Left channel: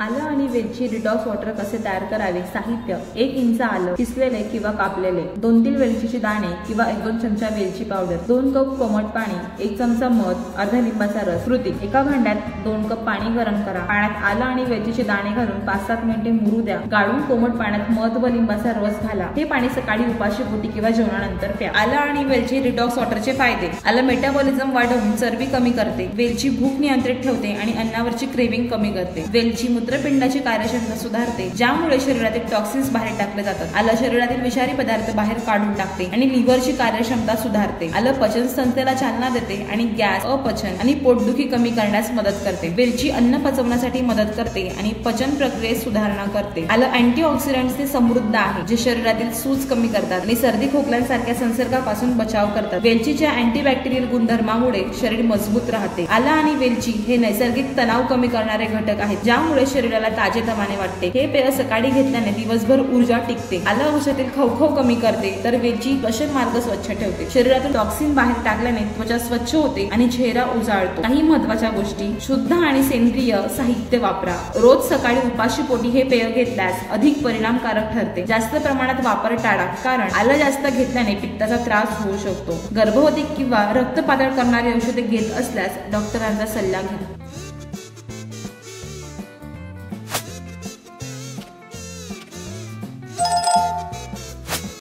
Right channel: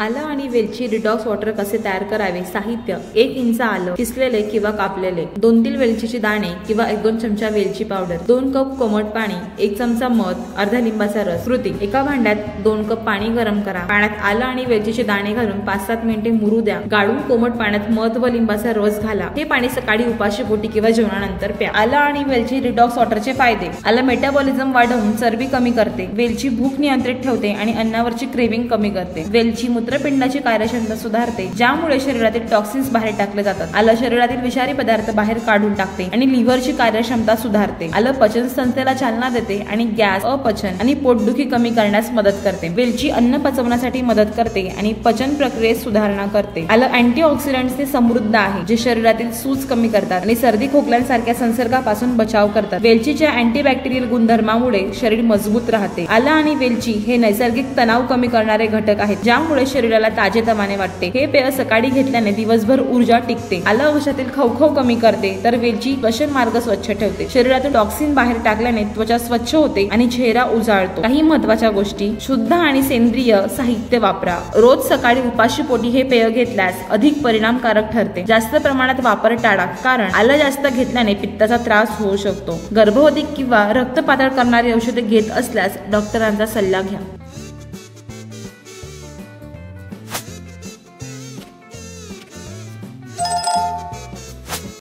आलं आणि वेलची डिटॉक्स वॉटर कसे तयार करावे। साहित्य 1 इंच आलं किसलेले किंवा कापलेले, 2-3 वेलचीचे दाणे किंवा 1-2 चमचा वेलची पावडर, 2 कप कोमट पाणी, 1 चमचा मध, अर्धा लिंबाचा रस। कृती: एका भांड्यात 2 कप पाणी गरम करा, पाण्यात आलं आणि वेलचीचे दाणे घालून 5-7 मिनिटे मुरू द्या। गाळून कोमट पाण्यात मध व लिंबाचा रस घाला। हे पाणी सकाळी उपाशीपोटी किंवा जेवणानंतर प्या। आलं आणि वेलची डिटॉक्स वॉटरचे फायदे: आलं मेटाबॉलिझम वाढवून चरबी कमी करते, वेलची भूक नियंत्रित ठेवते आणि अन्नावरची क्रेविंग कमी करते, वेलची मूत्रपिंडाची कार्यक्षमता सुधारते, ज्यामुळे शरीरातील टॉक्सिन्स बाहेर टाकले जातात। आलं शरीरातील विषारी पदार्थ बाहेर काढून टाकते आणि लिव्हरची कार्यक्षमता सुधारते। आलं पचन संस्थेला चालना देते आणि गॅस, अपचन आणि पोटदुखी कमी करण्यास मदत करते। वेलची अन्न पचवण्यासाठी मदत करते आणि पचन प्रक्रियेत सुधारणा करते। आलं अँटीऑक्सिडंट्सने समृद्ध आहे, जे शरीरातील सूज कमी करतात आणि सर्दी खोकल्यांसारख्या संसर्गापासून बचाव करतात। वेलचीच्या अँटीबॅक्टेरियल गुणधर्मामुळे शरीर मजबूत राहते। आलं आणि वेलची हे नैसर्गिक तणाव कमी करणारे घटक आहेत, ज्यामुळे शरीराला ताजेतवाने वाटते। हे पेय सकाळी घेतल्याने दिवसभर ऊर्जा टिकते। आलं औषधातील खवखव कमी करते, तर वेलची श्वसन मार्ग स्वच्छ ठेवते। शरीरातून टॉक्सिन बाहेर टाकल्याने त्वचा स्वच्छ होते आणि चेहरा उजाळतो। काही महत्त्वाच्या गोष्टी: शुद्ध आणि सेंद्रिय साहित्य वापरा। रोज सकाळी उपाशीपोटी हे पेय घेतल्यास अधिक परिणामकारक ठरते। जास्त प्रमाणात वापर टाळा, कारण आलं जास्त घेतल्याने पित्ताचा त्रास होऊ शकतो। गर्भवती किंवा रक्त पातळ करणारी औषधे घेत असल्यास डॉक्टरांचा सल्ला घ्या।